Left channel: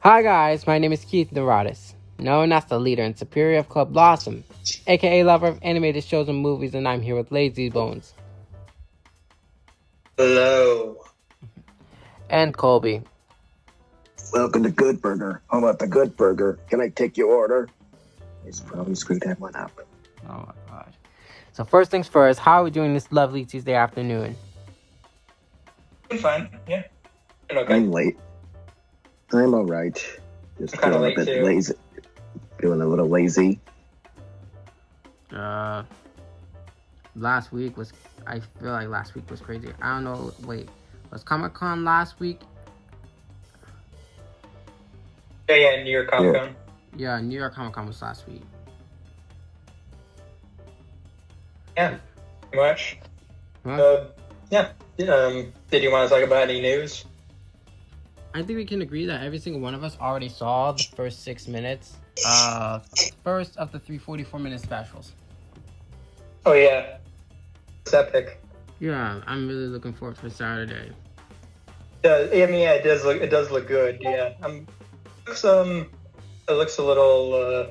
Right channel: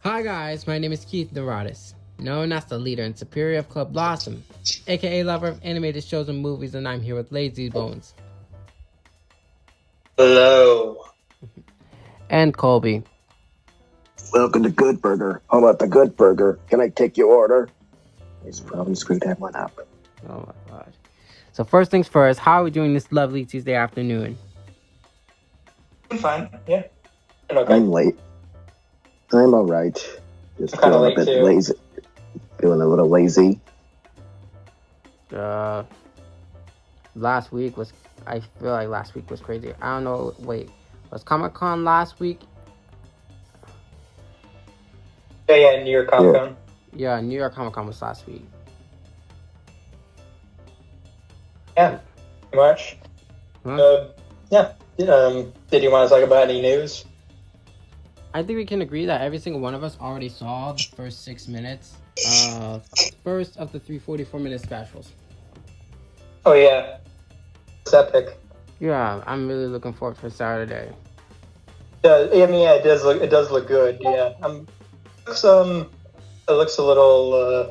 Hi guys, my name is Keith Neurotis, known as the leader and superior of Club LASM, aka lover of animated shows and movies, and I'm here with Lazybones. Hello. And Colby. Welcome to Good Burger. How about the Good Burger? Can I take your order? It's probably screwed that one up. Oh my god. So first things first, how are we doing this lovely Tuesday afternoon? I'm fine, yeah. Okay. I'm late. I'm alright. Just I'm feeling a bit too. lazy. Feeling a little lazy. Last week was, I feel like last week was crazy. I don't know, wait, was Comic-Con last week? Yeah, New York Comic Con. Yeah, New York Comic-Con was last week. Yeah, pretty much. Huh? Did you want to talk about any news? I think we can agree that every single one of us already saw the first 6 minutes, first of the 344-minute specials. Oh yeah, it's epic. Yeah, I'm really looking forward to Saturday. It does look good. Yeah, it looks a little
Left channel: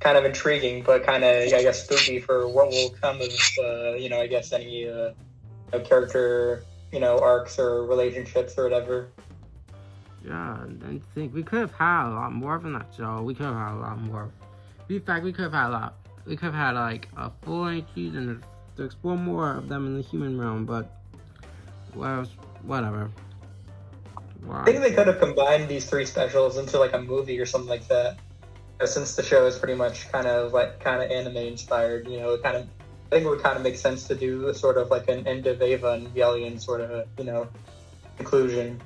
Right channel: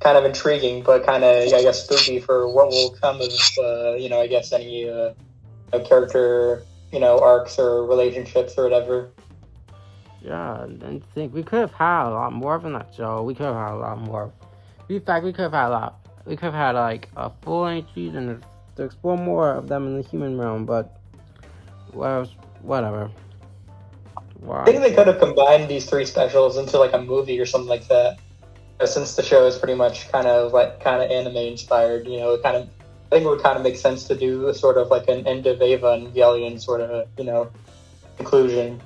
kind of intriguing, but kind of I guess spooky for what will come of I guess any character arcs or relationships or whatever. Yeah, I think we could have had a lot more from that show. We could have had a lot more. In fact, we could have had a lot. We could have had like a full-length season to explore more of them in the human realm, but whatever. I think they could have combined these 3 specials into like a movie or something like that. Since the show is pretty much kind of anime inspired, I think it would kind of make sense to do sort of like an end of Eva and Evangelion sort of conclusion.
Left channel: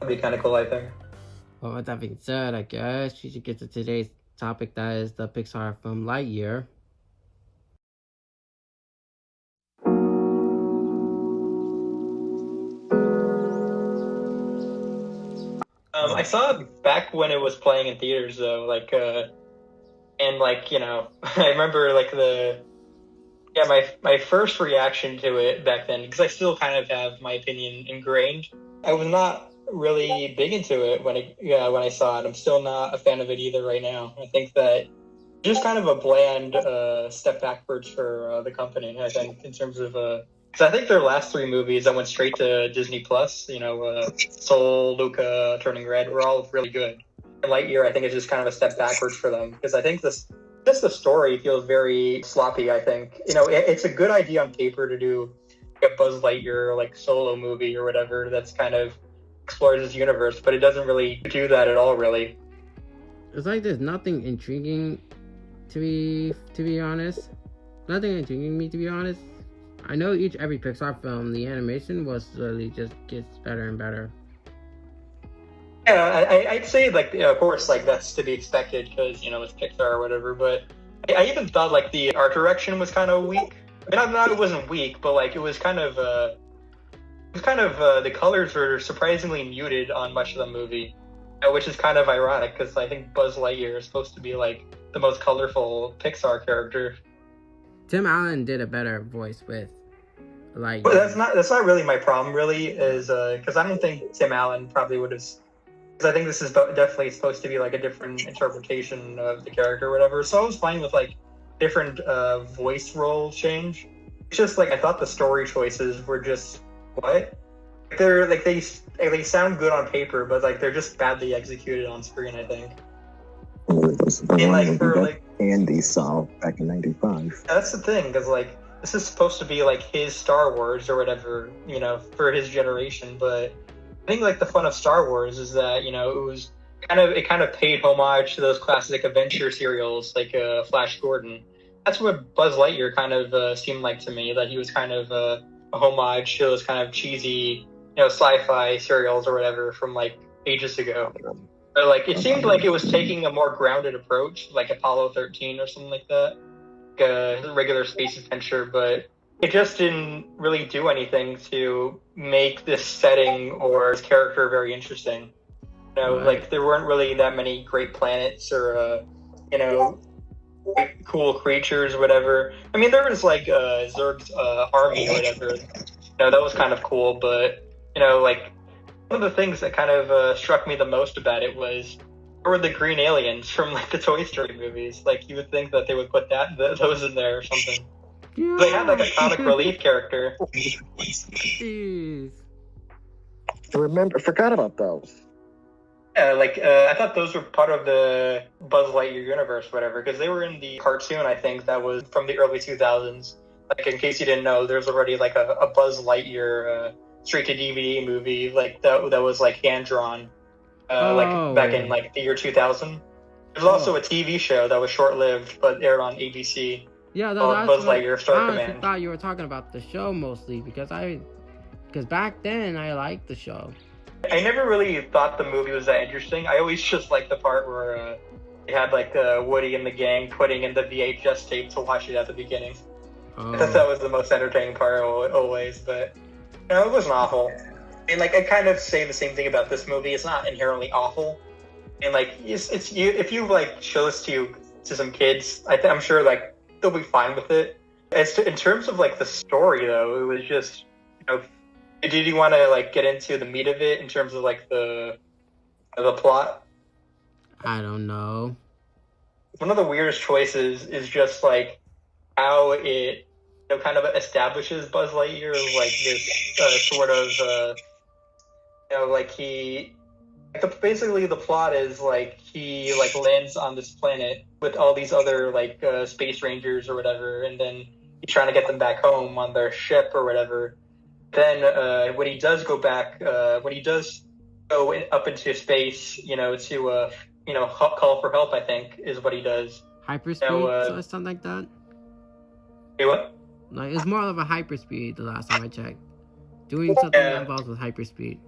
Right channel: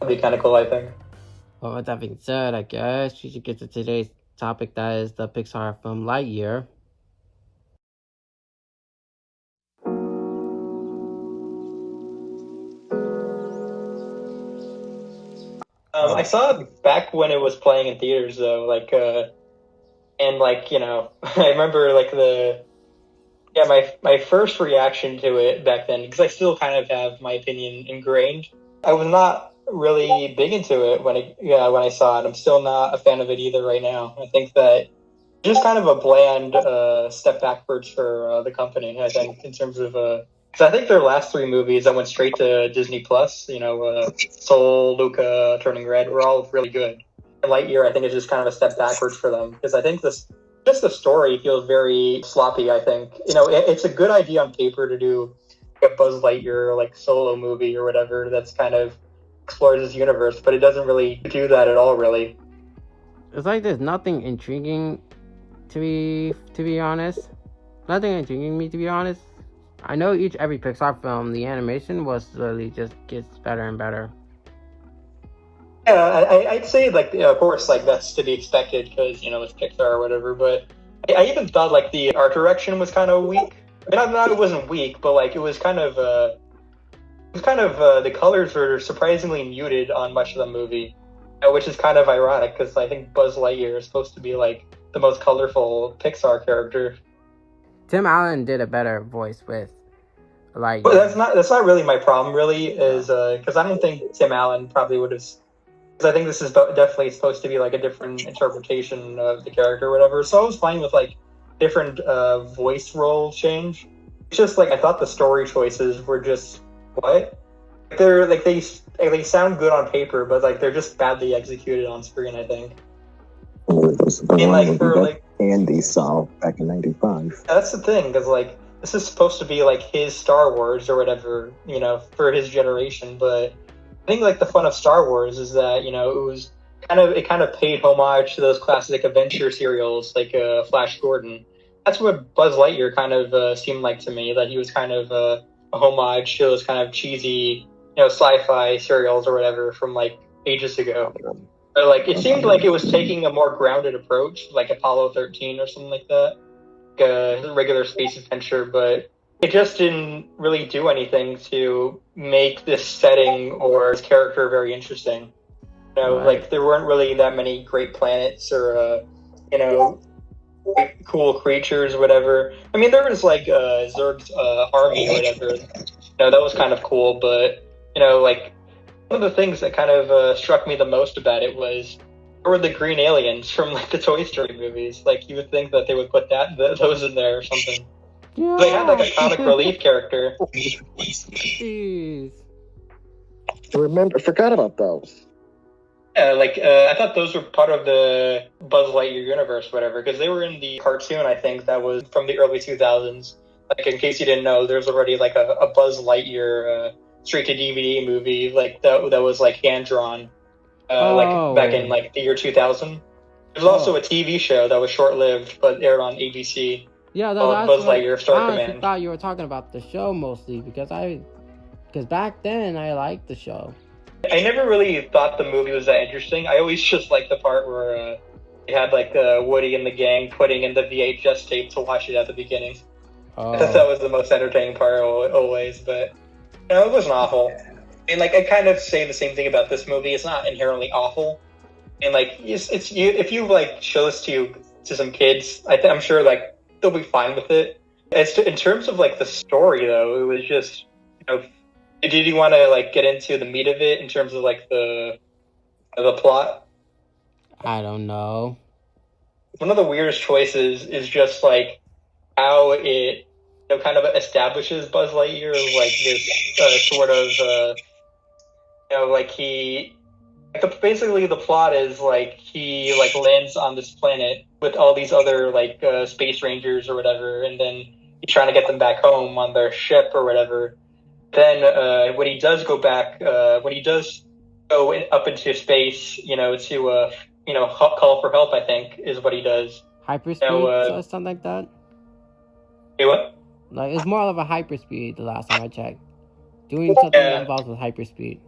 That'd be kind of cool, I think. Well, with that being said, I guess we should get to today's topic, that is the Pixar film Lightyear. I saw it back when it was playing in theaters, though. I remember my first reaction to it back then, because I still kind of have my opinion ingrained. I was not really big into it when I saw it. I'm still not a fan of it either right now. I think that just kind of a bland step backwards for the company. I think in terms of because I think their last 3 movies that went straight to Disney Plus, Soul, Luca, Turning Red, were all really good. And Lightyear, I think, is just kind of a step backwards for them, because I think the story feels very sloppy. I think it's a good idea on paper to do a Buzz Lightyear solo movie or whatever that's kind of explores this universe, but it doesn't really do that at all, really. It's like there's nothing intriguing to be honest. Nothing intriguing me, to be honest. I know every Pixar film, the animation was slowly just gets better and better. Yeah, I'd say of course that's to be expected because it's Pixar or whatever. But I even thought the art direction was kind of weak. I mean, not it wasn't weak, but it was kind of the colors were surprisingly muted on much of the movie, which is kind of ironic because I think Buzz Lightyear is supposed to be the most colorful Pixar character. Tim Allen did a better voice with But that's not really my problem. Really, is because I don't think Tim Allen probably would have. Because I think this is definitely supposed to be a different interpretation of the character or whatever. So I was fine with different voice role change. It's just I thought the story choices were just what? They're they sound good on paper, but they're just badly executed on screen, I think. Andy saw back in '95. That's the thing, because this is supposed to be his Star Wars or whatever, for his generation. But I think the fun of Star Wars is that it kind of paid homage to those classic adventure serials Flash Gordon. That's what Buzz Lightyear kind of seemed like to me. That he was kind of a homage to those kind of cheesy sci-fi serials or whatever from ages ago. But it seemed like it was taking a more grounded approach, like Apollo 13 or something like that, a regular space adventure. But it just didn't really do anything to make this setting or his character very interesting. Right. There weren't really that many great planets or cool creatures or whatever. I mean, there was like Zurg's army or whatever. That was kind of cool, but like one of the things that kind of struck me the most about it was there were the green aliens from like the Toy Story movies. Like you would think that they would put those in there or something. Yeah. They had like a comic relief character. Jeez. I forgot about those. Yeah, like I thought those were part of the Buzz Lightyear universe, whatever, because they were in the cartoon. I think that was from the early 2000s. Like in case you didn't know, there's already like a Buzz Lightyear straight to DVD movie like that was like hand drawn, like back in like the year 2000. There's also a TV show that was short lived but aired on ABC. Yeah, called Buzz Lightyear Star I Command. thought you were talking about the show mostly because back then I liked the show. I never really thought the movie was that interesting. I always just liked the part where they had like Woody and the gang putting in the VHS tape to watch it at the beginning. I thought that was the most entertaining part always, but it wasn't awful. And like I kind of say the same thing about this movie. It's not inherently awful, and like it's if you like show this to some kids, I'm sure like they'll be fine with it. In terms of like the story though, it was just did you want to like get into the meat of it in terms of like the plot? I don't know. One of the weirdest choices is just like how it kind of establishes Buzz Lightyear as like this sort of like he basically the plot is like he like lands on this planet with all these other like space rangers or whatever, and then he's trying to get them back home on their ship or whatever. Then when he does go back, when he does go up into space, to call for help, I think is what he does. Hyperspeed or something like that. Hey, what? Like it's more of a hyperspeed. The last time I checked, doing something involved with hyperspeed.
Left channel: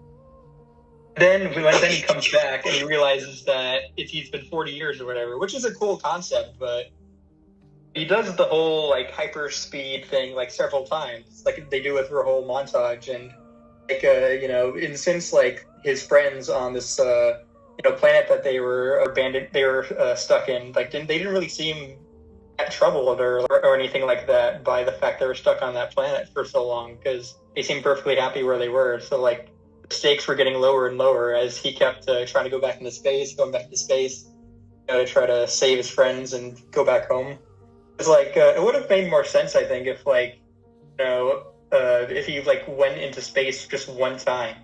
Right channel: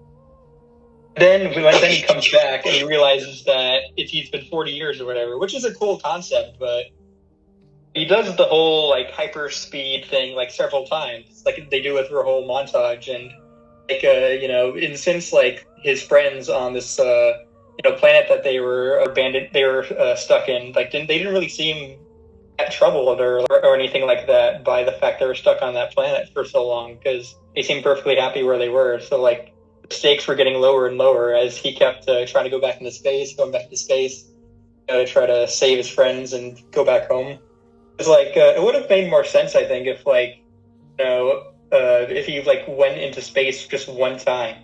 Then he comes back and he realizes that he's been 40 years or whatever, which is a cool concept, but he does the whole like hyper speed thing like several times. Like they do it through a whole montage, and like in since like his friends on this planet that they were abandoned, they were stuck in, like they didn't really seem that troubled or anything like that by the fact they were stuck on that planet for so long, because they seemed perfectly happy where they were. So like the stakes were getting lower and lower as he kept trying to go back into space, to try to save his friends and go back home. It's like it would have made more sense, I think, if like if he like went into space just one time,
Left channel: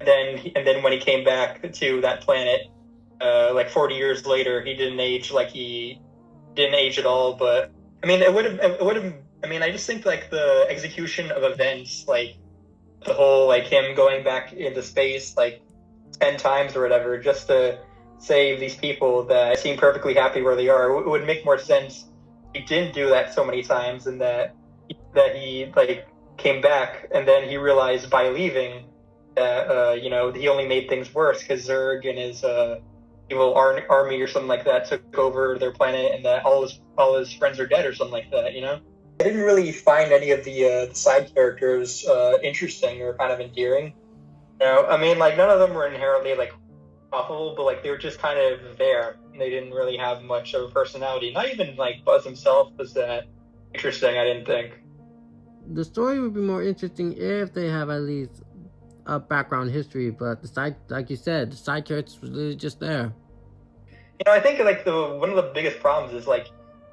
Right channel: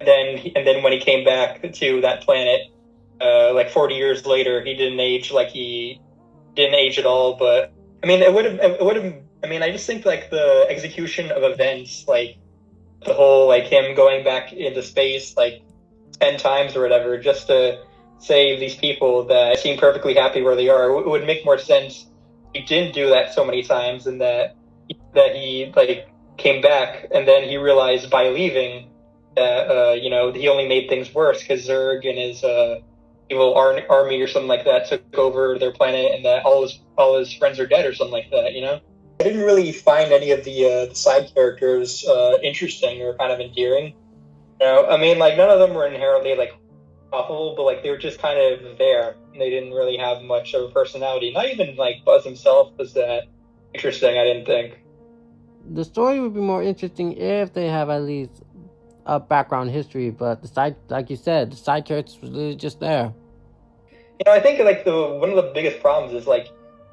and then when he came back to that planet, like 40 years later, he didn't age at all. But I mean, it would have. I mean, I just think like the execution of events, like the whole like him going back into space like 10 times or whatever, just to save these people that seem perfectly happy where they are, it would make more sense. He didn't do that so many times, and that he like came back, and then he realized by leaving that he only made things worse because Zurg and his evil army or something like that took over their planet, and that all his friends are dead or something like that. I didn't really find any of the side characters interesting or kind of endearing. I mean, like none of them were inherently like awful, but like they were just kind of there. They didn't really have much of a personality. Not even like Buzz himself was that interesting, I didn't think. The story would be more interesting if they have at least a background history, but the side, like you said, the side characters was really just there. I think like one of the biggest problems is like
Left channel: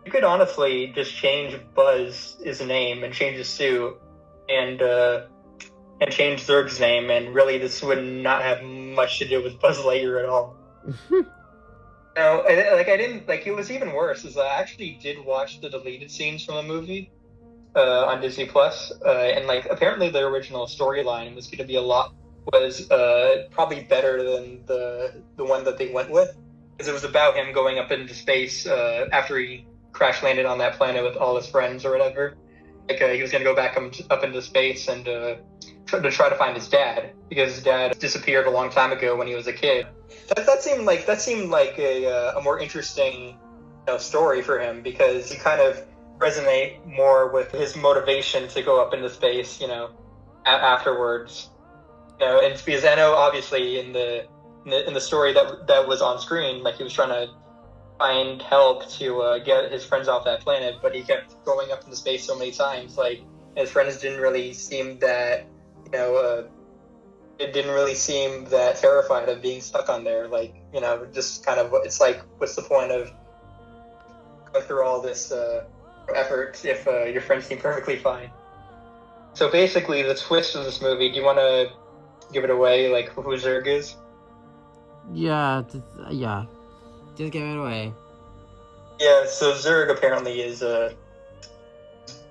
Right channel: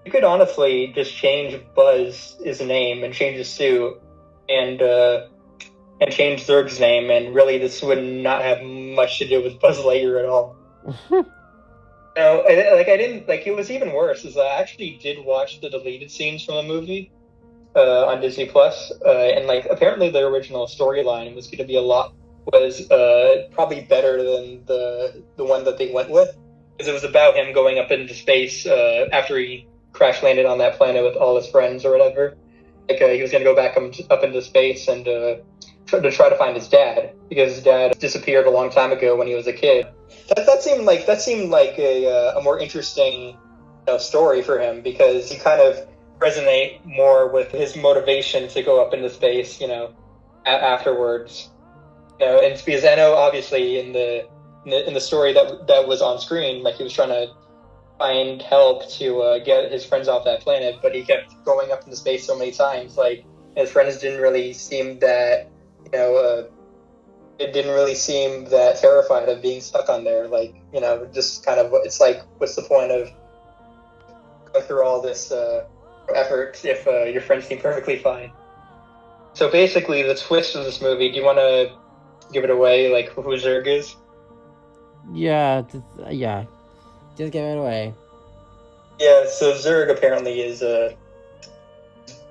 you could honestly just change Buzz's name and change his suit and change Zurg's name, and really this would not have much to do with Buzz Lightyear at all. I didn't like. It was even worse. Is I actually did watch the deleted scenes from the movie on Disney Plus, and like apparently the original storyline was going to be probably better than the one that they went with, because it was about him going up into space after he crash landed on that planet with all his friends or whatever. Like he was going to go back up into space and try to find his dad, because his dad disappeared a long time ago when he was a kid. That seemed like a more interesting story for him, because you kind of resonate more with his motivation to go up into space, afterwards. And because I know obviously in the story that was on screen, like he was trying to find help to get his friends off that planet, but he kept going up into space so many times. Like, his friends didn't really seem that, it didn't really seem that terrified of being stuck on there. Like, just kind of, it's like, what's the point of going through all this effort if your friends seem perfectly fine? So basically, the twist of this movie, do you want to give it away, like, who Zurg is? Yeah, just give it away. Yeah, so Zurg apparently is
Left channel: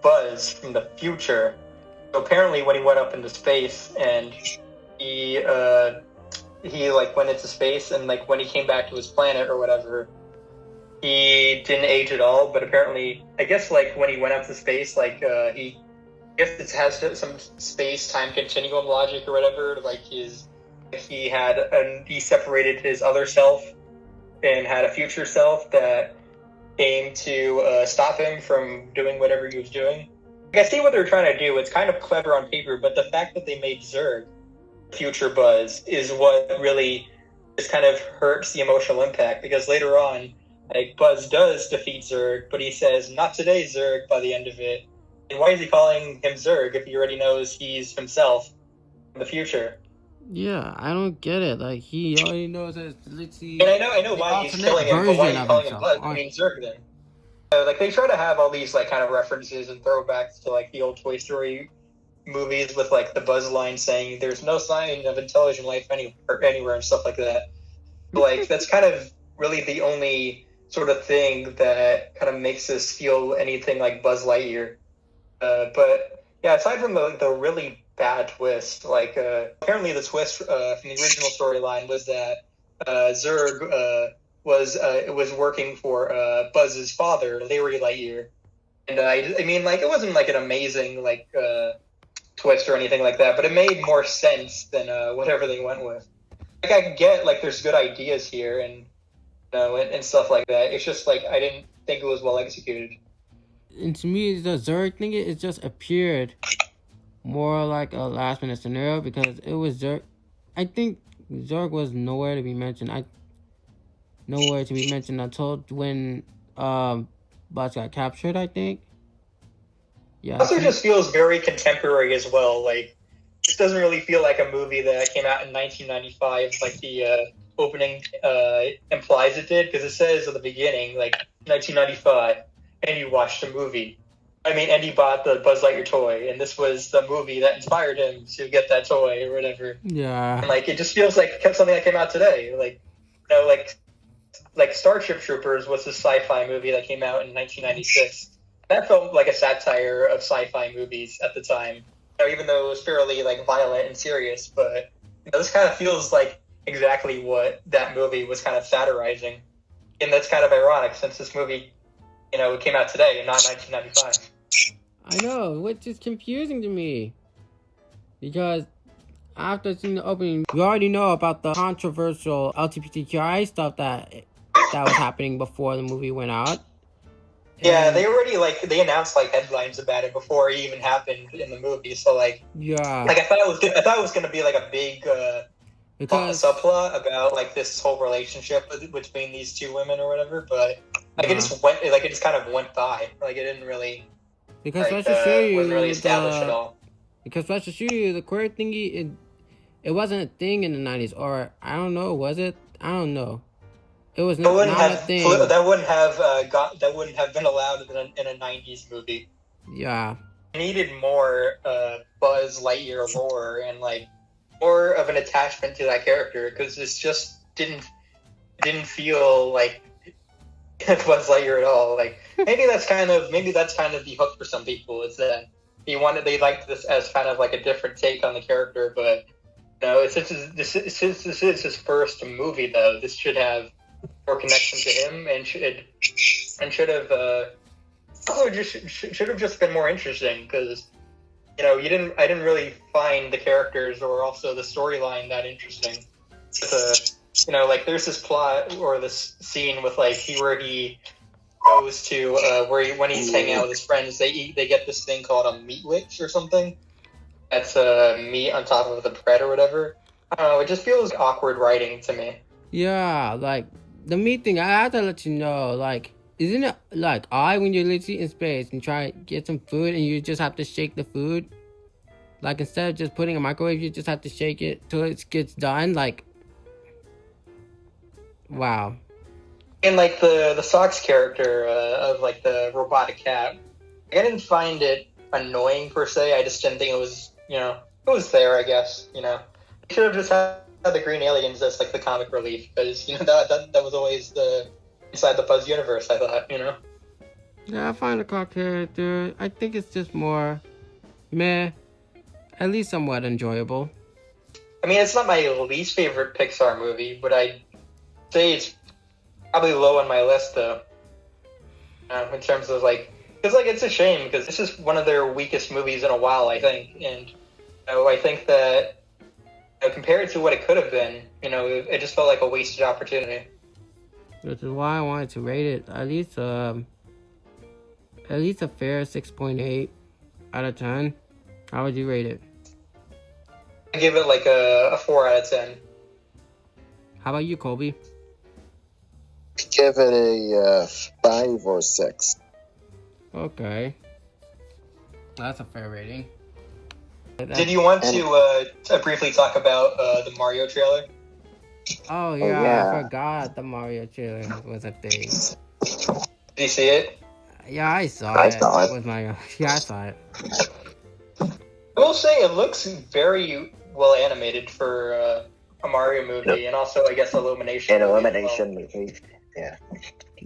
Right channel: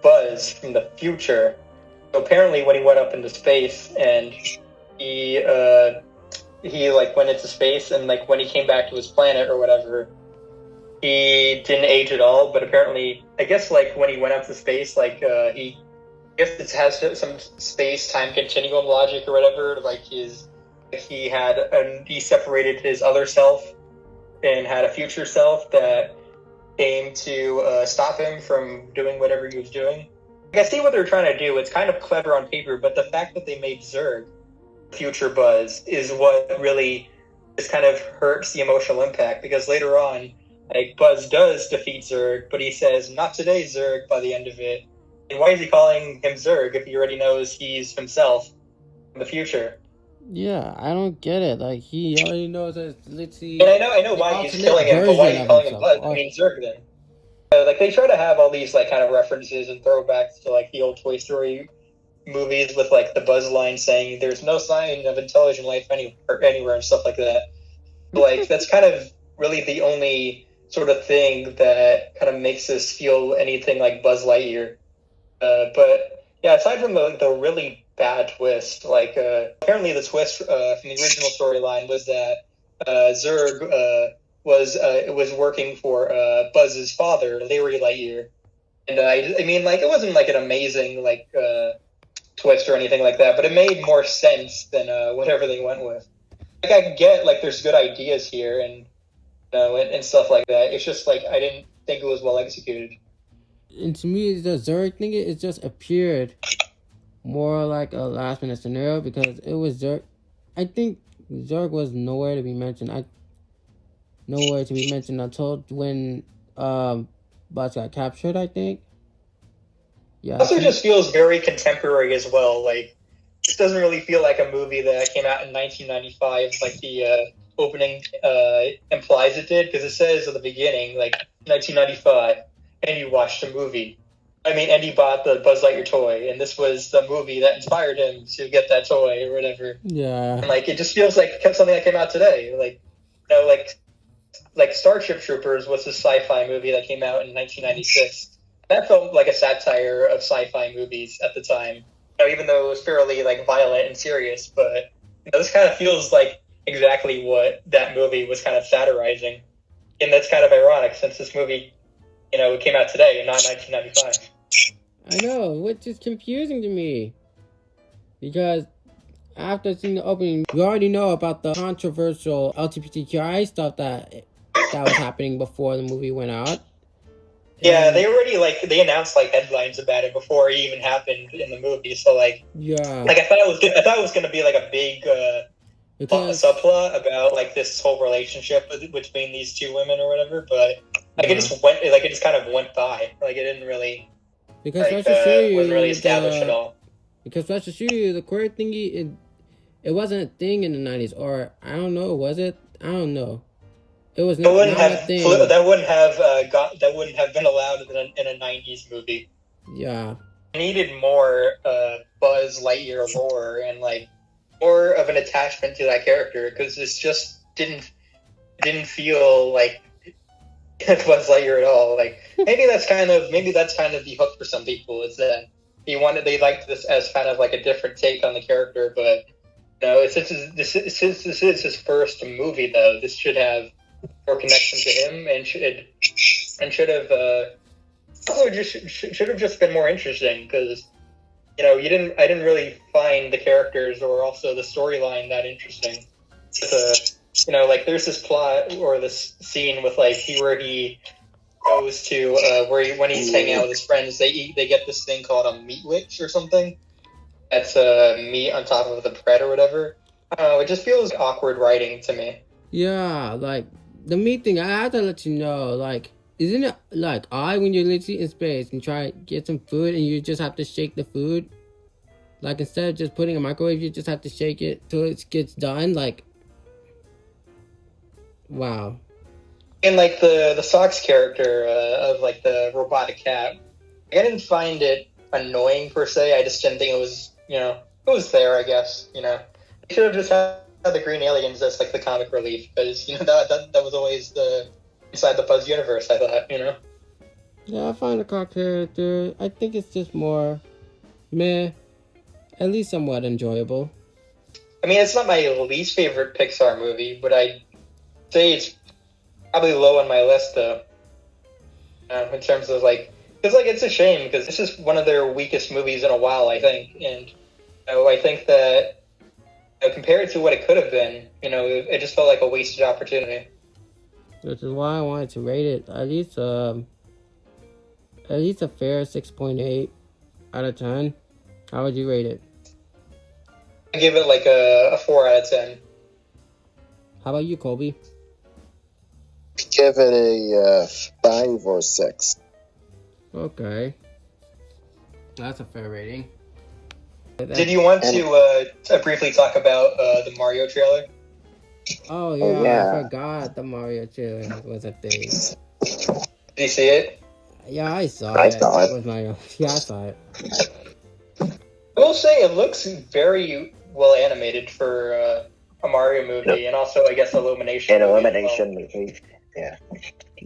Buzz from the future. So apparently when he went up into space and he like went into space, and like when he came back to his planet or whatever, he didn't age at all. But apparently, I guess like when he went up to space, like I guess it has some space-time continuum logic or whatever. Like he separated his other self and had a future self that came to stop him from doing whatever he was doing. Like, I see what they're trying to do. It's kind of clever on paper, but the fact that they made Zurg future Buzz is what really just kind of hurts the emotional impact, because later on, like, Buzz does defeat Zurg, but he says, "Not today, Zurg," by the end of it. And why is he calling him Zurg if he already knows he's himself in the future? Yeah, I don't get it. Like, he already knows that it's literally... And I know why he's killing him, but why are you calling him Buzz? I mean, Zurg then. Like, they try to have all these, like, kind of references and throwbacks to, like, the old Toy Story movies with, like, the Buzz line saying, "There's no sign of intelligent life anywhere," and stuff like that. Like, that's kind of really the only sort of thing that kind of makes us feel anything like Buzz Lightyear. But, yeah, aside from the really bad twist, like, apparently the twist from the original storyline was that Zurg was working for Buzz's father, Larry Lightyear. And I mean, like, it wasn't like an amazing like twist or anything like that, but it made more sense than whatever they went with. Like, I get like there's good ideas here and and stuff like that. It's just like I didn't think it was well executed. And to me, the Zurg thing, it just appeared more like a last minute scenario, because it was Zurg. I think Zurg was nowhere to be mentioned. Until when Buzz got captured, I think. Yeah. It also just feels very contemporary as well. Like, this doesn't really feel like a movie that came out in 1995, like the opening implies it did, because it says at the beginning, like, 1995, and you watched a movie. I mean, and he bought the Buzz Lightyear toy, and this was the movie that inspired him to get that toy or whatever. Yeah. And, like, it just feels like something that came out today. Like, like Starship Troopers was this sci-fi movie that came out in 1996. That felt like a satire of sci-fi movies at the time. Even though it was fairly like violent and serious, but this kind of feels like exactly what that movie was kind of satirizing, and that's kind of ironic since this movie, it came out today and not 1995. I know, which is confusing to me, because after seeing the opening, we already know about the controversial LGBTQI stuff that was happening before the movie went out. Yeah, they already they announced like headlines about it before it even happened in the movie. So like, yeah, like I thought it was gonna be like a big subplot about like this whole relationship between these two women or whatever. But like it just kind of went by. Like it didn't really. Because let's just show you wasn't really established at all. Because let's just show you the queer thingy. It wasn't a thing in the 90s, or I don't know, was it? I don't know. It was not a thing. That wouldn't have been allowed in a 90s movie. Yeah. It needed more Buzz Lightyear lore and like more of an attachment to that character, because this just didn't feel like Buzz Lightyear at all. Like maybe that's kind of the hook for some people, is that they liked this as kind of like a different take on the character. But since this is his first movie, though, this should have more connection to him, and should have just been more interesting, because I didn't really find the characters or also the storyline that interesting. Like there's this plot or this scene with like where he goes to when he's hanging out with his friends, they get this thing called a meat witch or something. That's meat on top of the bread or whatever. I don't know, it just feels awkward writing to me. Yeah, like the meat thing, I have to let you know, like, isn't it like odd when you're literally in space and try to get some food and you just have to shake the food? Like, instead of just putting a microwave, you just have to shake it till it gets done? Like, wow. And like the Socks character of like the robotic cat, I didn't find it annoying per se. I just didn't think it was, it was there, I guess, They should have just had the green aliens as like the comic relief, because, that was always the inside the Fuzz universe, I thought, Yeah, I find the car character, I think it's just more meh, at least somewhat enjoyable. I mean, it's not my least favorite Pixar movie, but I'd say it's probably low on my list, though. In terms of, like, because, like, it's a shame, because this is one of their weakest movies in a while, I think. And, I think that, compared to what it could have been, it just felt like a wasted opportunity. Which is why I wanted to rate it at least a fair 6.8 out of 10. How would you rate it? I give it like a 4 out of 10. How about you, Colby? Give it a 5 or 6. Okay. That's a fair rating. Did you want to briefly talk about the Mario trailer? Oh yeah, I forgot the Mario trailer was a thing. Did you see it? Yeah, I saw it. With Mario. Yeah, I saw it. I will say it looks very well animated for a Mario movie, and also I guess Illumination. An Illumination movie. Yeah.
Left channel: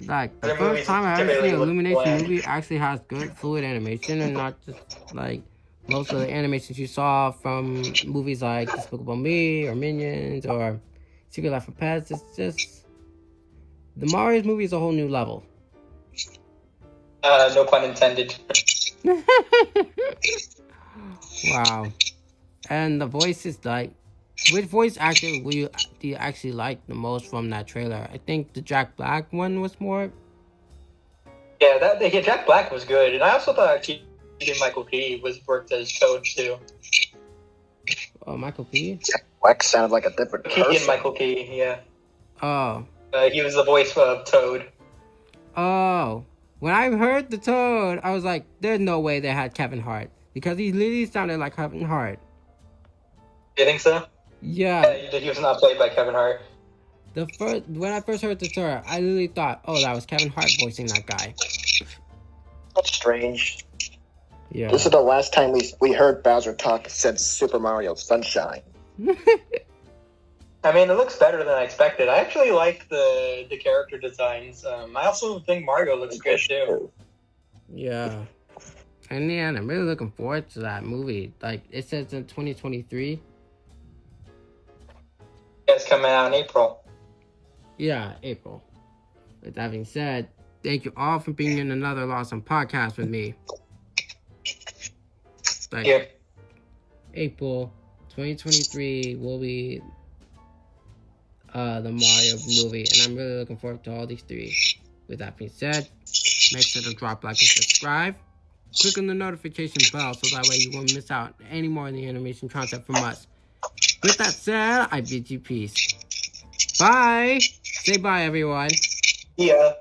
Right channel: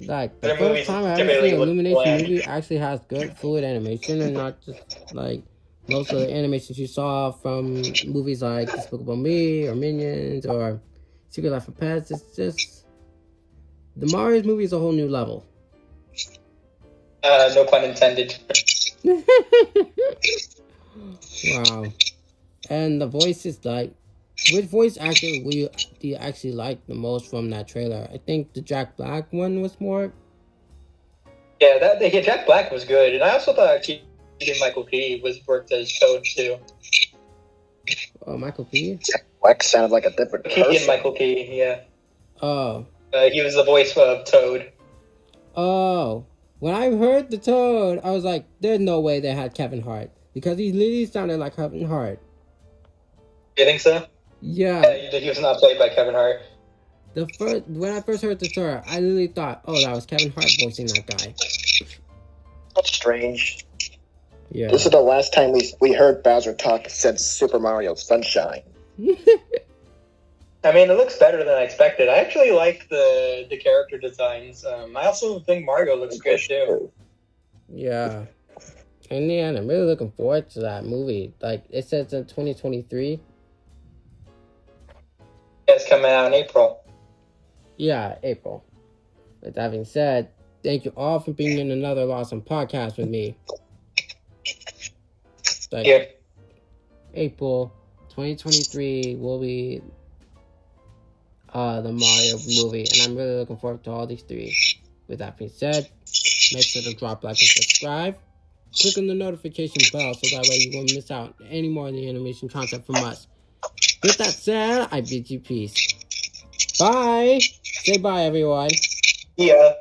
Like the first time I ever seen an Illumination movie actually has good fluid animation and not just like most of the animations you saw from movies like Despicable Me or Minions or Secret Life of Pets. It's just the Mario's movie is a whole new level. No pun intended. Wow. And the voices, like, which voice actor do you actually like the most from that trailer? I think the Jack Black one was more. Yeah, Jack Black was good, and I also thought Michael P. worked as Toad too. Oh, Michael P. Jack Black sounded like a different person. Michael P. Yeah. Oh. He was the voice of Toad. Oh. When I heard the Toad, I was like, "There's no way they had Kevin Hart because he literally sounded like Kevin Hart." You think so? Yeah. He was not played by Kevin Hart. When I first heard the story, I literally thought, "Oh, that was Kevin Hart voicing that guy." That's strange. Yeah. This is the last time we heard Bowser talk since Super Mario Sunshine. I mean, it looks better than I expected. I actually like the character designs. I also think Mario looks good too. Yeah. And yeah, I'm really looking forward to that movie. Like, it says in 2023. It's coming out in April. Yeah, April. With that being said, thank you all for being in another LASM podcast with me. Like, Yeah. April 2023 will be the Mario movie, and I'm really looking forward to all these three. With that being said, make sure to drop like and subscribe. Click on the notification bell so that way you won't miss out any more of the animation content from us. With that said, I bid you peace. Bye! Say bye, everyone. Yeah.